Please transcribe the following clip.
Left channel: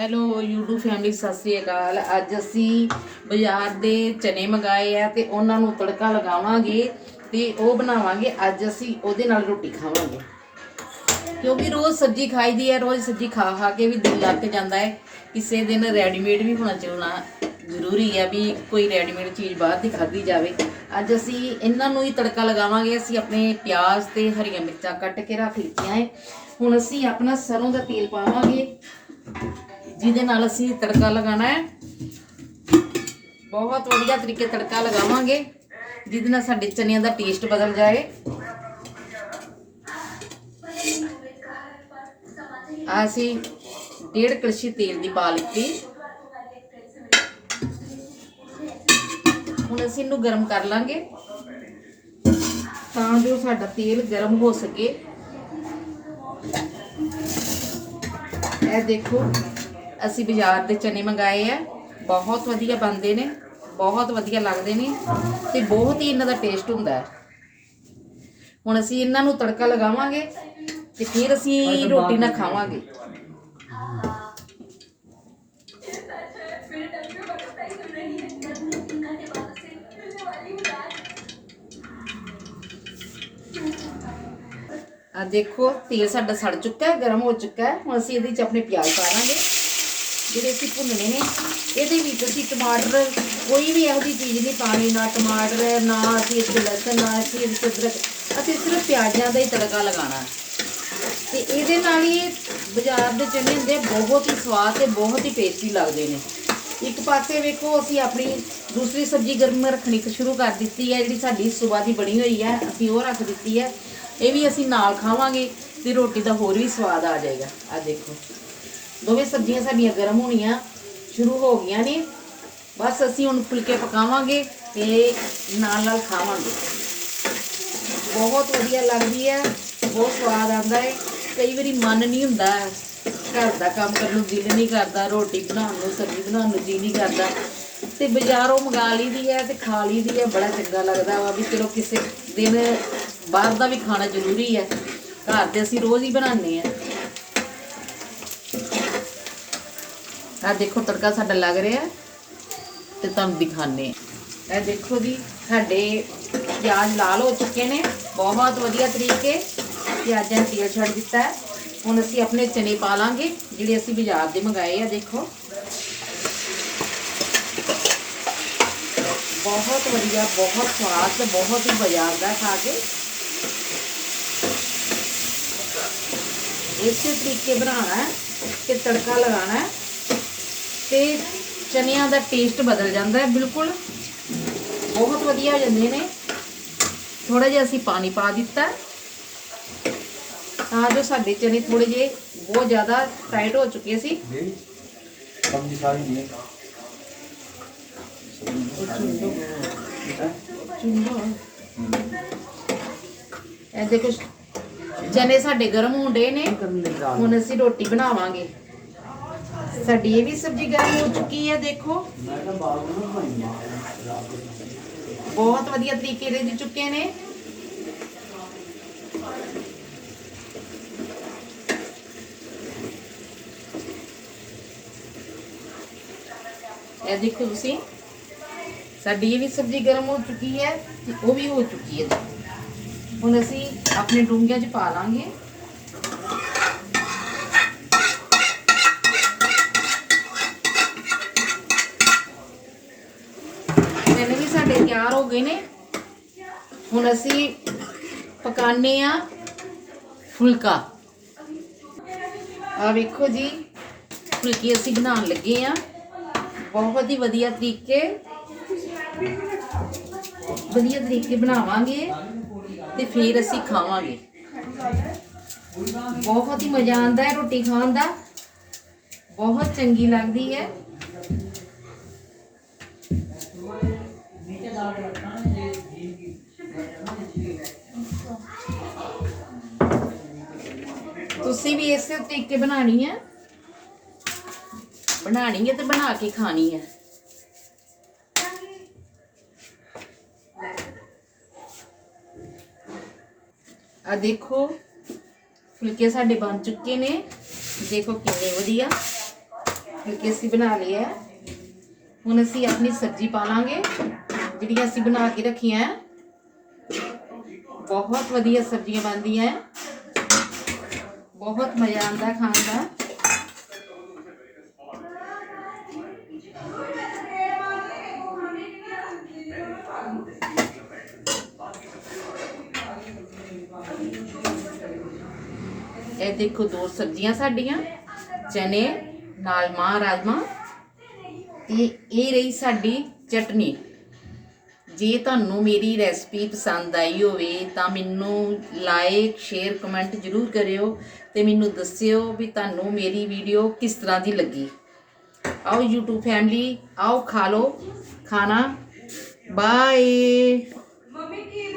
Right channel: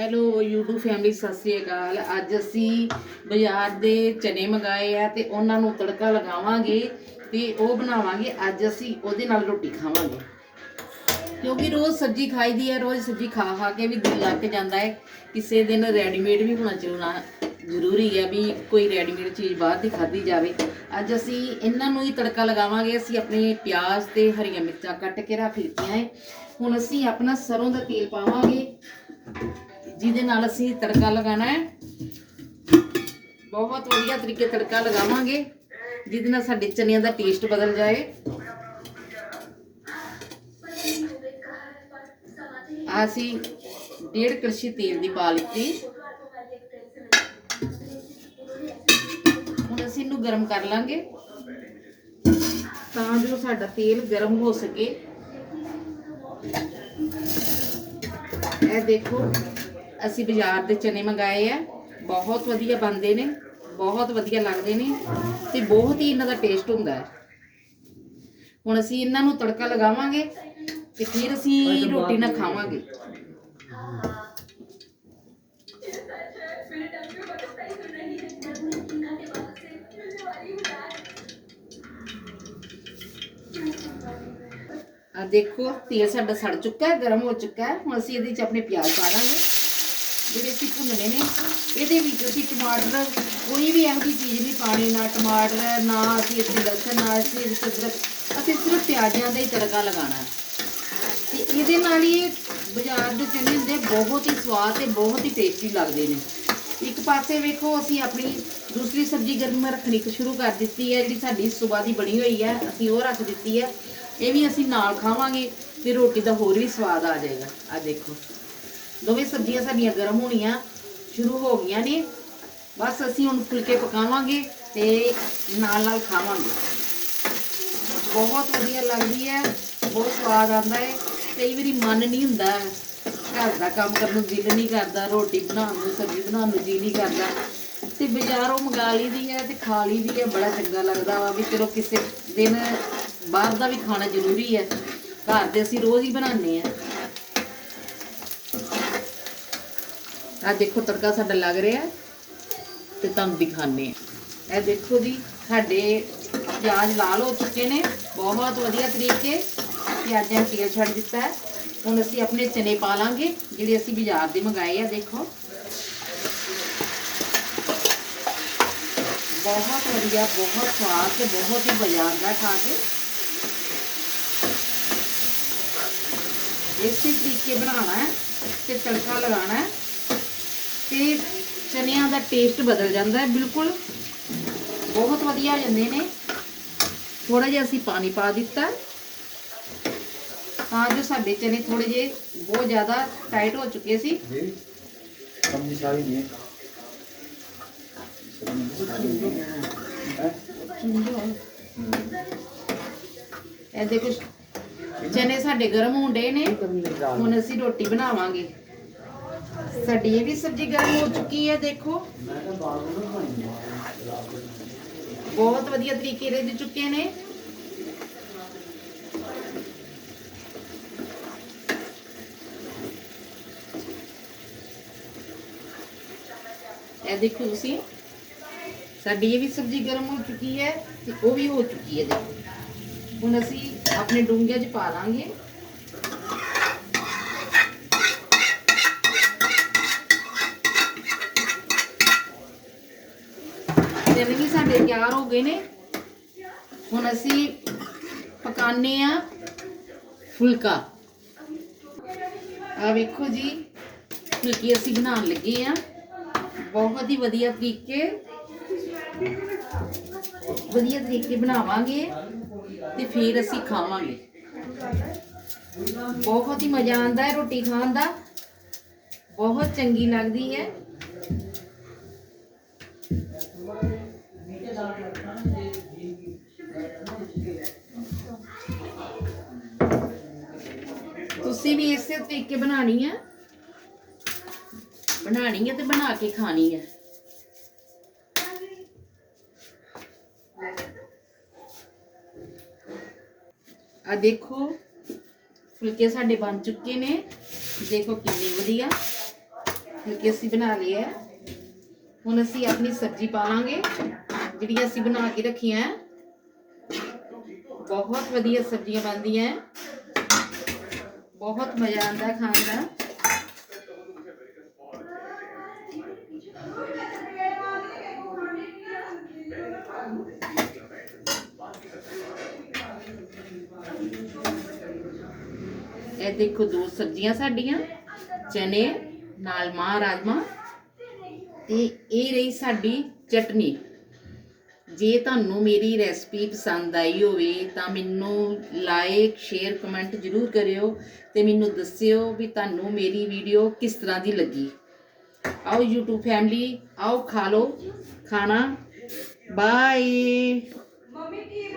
Hello, YouTube family Sat Sri ਅਕਾਲ। ਅੱਜ ਅਸੀਂ ਬਾਜ਼ਾਰ ਦੇ ਚਨੇ ਮੰਗਾਏ ਆ ਤੇ ਉਹਨਾਂ ਨੂੰ ਤੜਕਾ ਲਗਾਵਾਂਗੇ ਤੇ ਉਹ ਬਣਾਵਾਂਗੇ। ਅੱਜ ਅਸੀਂ ਉਹਦੇ ਨਾਲ ਰੋਟੀ ਖਾਵਾਂਗੇ। ਕਿਉਂਕਿ ਰੋਜ਼ ਸਬਜ਼ੀ ਖਾਈਦੀ ਹੈ ਰੋਜ਼ ਸਬਜ਼ੀ ਖਾ ਖਾ ਕੇ ਵੀ ਦਿਲ ਲੱਗ ਜਾਂਦਾ ਹੈ। ਕਿਸੇ ਦਿਨ ਰੈਡੀਮੇਡ ਵੀ ਹੋਣਾ ਚਾਹੀਦਾ ਜ਼ਰੂਰੀ ਹੈ ਵੀ ਕੋਈ ਰੈਡੀਮੇਡ ਚੀਜ਼ ਬਾਹਰ ਦੀ ਖਾਧੀ ਜਾਵੇ। ਅੱਜ ਅਸੀਂ ਇਹਨਾਂ ਨੂੰ ਹੀ ਤੜਕਾ ਲਗਾਵਾਂਗੇ। ਅਸੀਂ ਆਪਣੇ ਪਿਆਜ਼ ਤੇ ਹਰੀਆਂ ਮਿਰਚਾਂ ਕੱਟ ਕੇ ਰੱਖ ਲਿੱਤੀਆਂ ਹੈ। ਹੁਣ ਅਸੀਂ ਆਪਣਾ ਸਰੋਂ ਦਾ ਤੇਲ ਪਾਵਾਂਗੇ। ਜਿਹਦੇ ਨਾਲ ਅਸੀਂ ਤੜਕਾ ਲਗਾਉਣਾ ਹੈ। ਬਹੁਤ ਵਧੀਆ ਤਰੀਕੇ ਤੜਕਾ ਲਗਾਵਾਂਗੇ, ਜਿਹਦੇ ਨਾਲ ਸਾਡੇ ਚਨਿਆਂ ਦਾ ਟੇਸਟ ਬਦਲ ਜਾਏ। ਅਸੀਂ ਡੇਢ ਕੜਛੀ ਤੇਲ ਦੀ ਪਾ ਲਿੱਤੀ। ਹੁਣ ਅਸੀਂ ਇਹਨੂੰ ਗਰਮ ਕਰ ਲਾਂਗੇ, ਤਾਂ ਜੋ ਸਾਡਾ ਤੇਲ ਗਰਮ ਹੋ ਸਕੇ। ਇਹ ਦੇਖੋ, ਅਸੀਂ ਬਾਜ਼ਾਰ ਦੇ ਚਨੇ ਮੰਗਾਏ ਆ। ਬਹੁਤ ਵਧੀਆ ਬਣਦੇ ਨੇ, ਬਹੁਤ ਵਧੀਆ ਲੱਗਦੇ ਨੇ ਤੇ ਬਹੁਤ ਹੀ ਇਹਨਾਂ ਦਾ ਟੇਸਟ ਹੁੰਦਾ ਹੈ। ਹੁਣ ਅਸੀਂ ਇਹਨਾਂ ਨੂੰ ਤੜਕਾ ਲਗਾਵਾਂਗੇ ਤੇ ਫਿਰ ਅਸੀਂ ਰੋਟੀ ਨਾਲ ਖਾਵਾਂਗੇ। ਦੇਖੋ, ਤੇਲ ਸਾਡਾ ਸੜ ਚੁੱਕਾ ਹੈ, ਗਰਮ ਹੋ ਚੁੱਕਾ ਹੈ। ਹੁਣ ਅਸੀਂ ਇਹਦੇ ਵਿੱਚ ਆਪਣੇ ਪਿਆਜ਼ ਪਾ ਦਾਂਗੇ ਜਿਹੜੇ ਅਸੀਂ ਭੁੰਨਣੇ ਨੇ। ਇਹਦੇ ਵਿੱਚ ਅਸੀਂ ਟਮਾਟਰ, ਕੋਈ ਵੀ ਇਹੋ ਜਿਹੀ ਚੀਜ਼ ਨਹੀਂ ਪਾਣੀ, ਨਾ ਟਮਾਟਰ, ਨਾ ਅਸੀਂ ਇਸ ਵਿੱਚ ਲਸਣ, ਨਾ ਅਸੀਂ ਇਸ ਵਿੱਚ ਅਦਰਕ। ਅਸੀਂ ਸਿਰਫ ਪਿਆਜ਼ਾਂ ਦਾ ਹੀ ਤੜਕਾ ਲਗਾਉਣਾ ਤੇ ਇਹਦੇ ਨਾਲ ਹੀ ਬਾਜ਼ਾਰ ਦੇ ਚਨੇ ਹੁੰਦੇ ਬਹੁਤ ਹੀ ਸਵਾਦ ਤੇ ਬਹੁਤ ਹੀ ਟੇਸਟੀ ਲੱਗਦੇ ਨੇ। ਇੱਕ ਪਾਸੇ ਵੇਖੋ, ਅਸੀਂ ਆਪਣੀ ਦੂਸਰੀ ਸਬਜ਼ੀ ਗਰਮ ਰੱਖਣੀ ਸ਼ੁਰੂ ਕਰ ਦਿੱਤੀ ਹੈ, ਜਿਹੜੀ ਸਾਡੀ ਸਵੇਰ ਦੀ ਬਣੀ ਹੋਈ ਹੈ, ਅਸੀਂ ਉਹ ਰੱਖ ਦਿੱਤੀ ਹੈ। ਇਹ ਵੀ ਅਸੀਂ ਨਾਲ ਖਾਵਾਂਗੇ ਤੇ ਰੋਟੀ ਦਾ ਹੋਰ ਵੀ ਸਵਾਦ ਆ ਜਾਏਗਾ। ਆ ਦੇਖੋ। ਦੋਵੇਂ ਸਬਜ਼ੀਆਂ ਸਾਡੀਆਂ ਗਰਮ ਹੋਣੀਆਂ, ਸ਼ੁਰੂ ਹੋ ਗਈਆਂ ਨੇ। ਬਸ ਅਸੀਂ ਹੁਣ ਫੁਲਕੇ ਪਕਾਵਾਂਗੇ ਤੇ ਨਾਲ ਨਾਲ ਖਾਵਾਂਗੇ। ਬਹੁਤ ਵਧੀਆ ਲੱਗਦੀ ਹੈ, ਬਹੁਤ ਸਵਾਦ ਆਉਂਦਾ ਹੈ। ਕਈ ਵਾਰੀ ਮਨ ਨਹੀਂ ਹੁੰਦਾ, ਘਰ ਦਾ ਕੰਮ ਕਰਨ ਨੂੰ ਦਿਲ ਨਹੀਂ ਕਰਦਾ, ਰੋਟੀ ਬਣਾਉਣ ਨੂੰ, ਸਬਜ਼ੀ ਬਣਾਉਣ ਨੂੰ ਜੀ ਨਹੀਂ ਕਰਦਾ। ਤੇ ਬਾਜ਼ਾਰੋਂ ਮੰਗਾ ਲਈਦੀ ਹੈ ਤੇ ਖਾ ਲਈਦੀ ਹੈ, ਬੜਾ ਚੰਗਾ ਲੱਗਦਾ ਵਾ ਵੀ ਚਲੋ ਕਿਸੇ ਦਿਨ ਬਾਹਰ ਦਾ ਵੀ ਖਾਣਾ ਜ਼ਰੂਰੀ ਹੈ। ਘਰ ਦੇ ਅਸੀਂ ਰੋਜ਼ ਹੀ ਬਣਾਉਂਦੇ ਆ ਆ ਦੇਖੋ ਤੜਕਾ ਸਾਡਾ ਲੱਗ ਰਿਹਾ ਤੇ ਤੁਹਾਨੂੰ ਦਿਖਾਣੇ ਆ ਇਹ ਦੇਖੋ ਜੀ, ਸਾਡੇ ਪਿਆਜ਼ ਲਾਲ ਹੋ ਚੁੱਕੇ ਨੇ। ਬਹੁਤ ਵਧੀਆ ਤਰੀਕੇ ਪਿਆਜ਼ਾਂ ਨੂੰ ਤੇਲ ਛੱਡ ਦਿੱਤਾ ਹੈ। ਹੁਣ ਅਸੀਂ ਆਪਣੇ ਚਨੇ ਪਾ ਲਾਂਗੇ, ਜਿਹੜੇ ਅਸੀਂ ਬਾਜ਼ਾਰ ਦੇ ਮੰਗਾਏ ਆ, ਦੇਖੋ। ਬਹੁਤ ਵਧੀਆ, ਬਹੁਤ ਸਵਾਦ ਤੇ ਬਹੁਤ ਹੀ ਬਾਜ਼ਾਰ ਦਾ ਖਾ ਕੇ ਇਸੇ ਤਰੀਕੇ ਬਣਾਉਣਾ ਤੇ ਤੜਕਾ ਲਗਾਉਣਾ ਤੇ ਚਨਿਆਂ ਦਾ ਟੇਸਟ ਬਦਲ ਜਾਂਦਾ ਹੈ। ਬਿਲਕੁਲ ਬਹੁਤ ਵਧੀਆ ਹੋ ਜਾਂਦੇ ਨੇ। ਥੋੜਾ ਜਿਹਾ ਅਸੀਂ ਪਾਣੀ ਪਾ ਦਿੱਤਾ ਹੈ, ਤਾਂ ਜੋ ਸਾਡੇ ਚਨੇ ਥੋੜੇ ਜਿਹੇ ਬਹੁਤ ਜ਼ਿਆਦਾ ਟਾਈਟ ਹੋ ਚੁੱਕੇ ਸੀ। ਸਮਝੀ ਸਾਰੀ ਨਹੀਂ। ਇਹ ਦੇਖੋ ਚਨੇ ਸਾਡੇ ਗਰਮ ਹੁੰਦੇ ਨੇ, ਹੁਣ ਅਸੀਂ ਰੋਟੀ ਬਣਾਵਾਂਗੇ। ਸਾਡੀ ਇਹ ਵੀ ਸਬਜ਼ੀ ਗਰਮ ਹੋ ਚੁੱਕੀ ਹੈ, ਦੇਖੋ। ਬਹੁਤ ਵਧੀਆ ਤਰੀਕੇ ਰਿੱਝ ਚੁੱਕੇ ਨੇ। ਇਹ ਦੇਖੋ ਤੁਸੀਂ, ਸਾਡੀ ਇਹ ਵੀ ਸਬਜ਼ੀ ਗਰਮ ਹੋ ਚੁੱਕੀ ਹੈ ਤੇ ਉਹ ਵੀ ਹੋ ਚੁੱਕੀ ਹੈ। ਦੇਖੋ ਹੁਣ ਅਸੀਂ ਆਪਣੇ ਡੂੰਘਿਆਂ 'ਚ ਪਾ ਦਾਂਗੇ ਚਨੇ ਵੀ ਸਾਡੇ ਤਿਆਰ ਹੋ ਗਏ ਨੇ। ਹੁਣ ਅਸੀਂ ਪਕਾਨੇ ਆ ਫੁਲਕਾ। ਆ ਵੇਖੋ ਜੀ, ਫੁਲਕੀ ਅਸੀਂ ਬਣਾਉਣ ਲੱਗੇ ਆ। ਬਹੁਤ ਹੀ ਵਧੀਆ ਤਰੀਕੇ ਵਧੀਆ ਤਰੀਕੇ ਬਣਾਵਾਂਗੇ। ਤੇ ਫਿਰ ਅਸੀਂ ਖਾਵਾਂਗੇ। ਬਹੁਤ ਹੀ ਮਜ਼ਾ ਆਉਂਦਾ ਹੈ ਰੋਟੀ ਖਾਣ ਦਾ। ਬਹੁਤ ਚੰਗੀ ਲੱਗਦੀ ਹੈ। ਤੁਸੀਂ ਵੀ ਇਸੇ ਤਰੀਕੇ ਬਣਾਣੀ ਹੈ? ਬਣਾਣੀ ਹੈ ਤੇ ਬਣਾ ਕੇ ਖਾਣੀ ਹੈ। ਆ ਦੇਖੋ, ਫੁਲਕੇ ਸਾਡੇ ਬਣ ਚੁੱਕੇ ਨੇ ਦੇਖੋ ਕਿੰਨੇ ਵਧੀਆ ਕਿਉਂਕਿ ਅਸੀਂ ਬਣਾ ਲਿਆ ਹੈ। ਹੁਣ ਅਸੀਂ ਆਪਣੀ ਸਬਜ਼ੀ ਪਾ ਲਾਂਗੇ ਜਿਹੜੀਆਂ ਅਸੀਂ ਬਣਾ ਕੇ ਰੱਖੀਆਂ ਹੈ। ਬਹੁਤ ਵਧੀਆ ਸਬਜ਼ੀਆਂ ਬਣਦੀਆਂ ਹੈ। ਬਹੁਤ ਮਜ਼ਾ ਆਉਂਦਾ ਖਾਣ ਦਾ ਇਹ ਦੇਖੋ ਦੋ ਸਬਜ਼ੀਆਂ ਸਾਡੀਆਂ, ਚਨੇ, ਨਾਲ ਮਾਂ ਰਾਜਮਾ ਤੇ ਇਹ ਰਹੀ ਸਾਡੀ ਚਟਨੀ। ਜੇ ਤੁਹਾਨੂੰ ਮੇਰੀ ਰੈਸਪੀ ਪਸੰਦ ਆਈ ਹੋਵੇ ਤਾਂ ਮੈਨੂੰ ਲਾਈਕ, ਸ਼ੇਅਰ, ਕਮੈਂਟ ਜਰੂਰ ਕਰਿਓ ਤੇ ਮੈਨੂੰ ਦੱਸਿਓ ਵੀ ਤੁਹਾਨੂੰ ਮੇਰੀ ਵੀਡੀਓ ਕਿਸ ਤਰ੍ਹਾਂ ਦੀ ਲੱਗੀ। ਆਓ YouTube ਫੈਮਿਲੀ ਆਓ ਖਾ ਲਓ ਖਾਣਾ। ਬਾਏ